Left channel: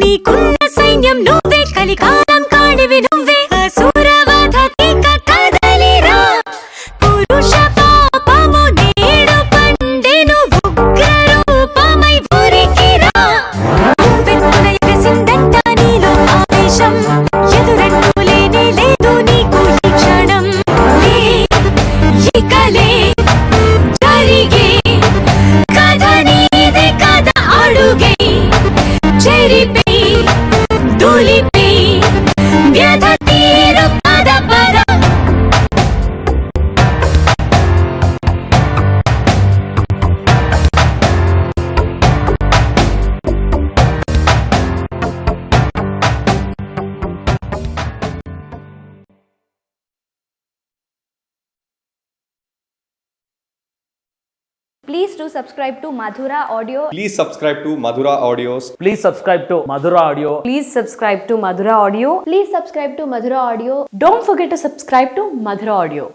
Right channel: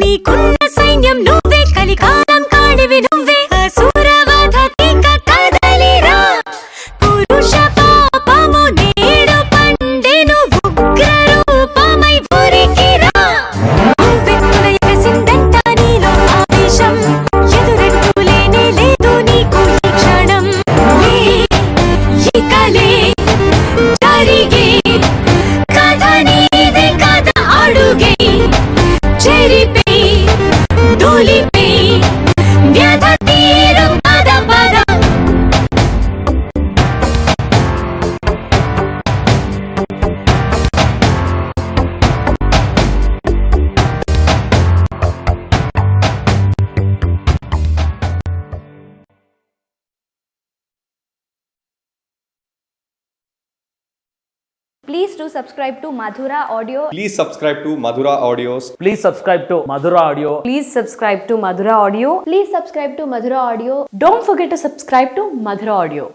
నీకున్న సైన్యం నువ్వే, కలికాలం కాడివి నువ్వే, అసురవధ తీక కదలిరా. పురుష పాపము నేడు పండెను, ఉగ్ర రూపమై ఊరికిరా. నువ్వెత్తున ఎగసిందంట నీలో ఆవేశం, ఎదురంటూ లేనే లేదు నీకు ఈ క్షణం. ఇకలే జరిగే కథ నీదే, కథ అడుగే చెరిపే దూలిపే వ్యధ తీరు పద పద. Please do subscribe to Madhura Audio. Please subscribe to Madhura Audios. Please subscribe to Madhura Audio. Please subscribe to Madhura Audio. Please subscribe to Madhura Audio. Don't forget to subscribe to Madhura Audio.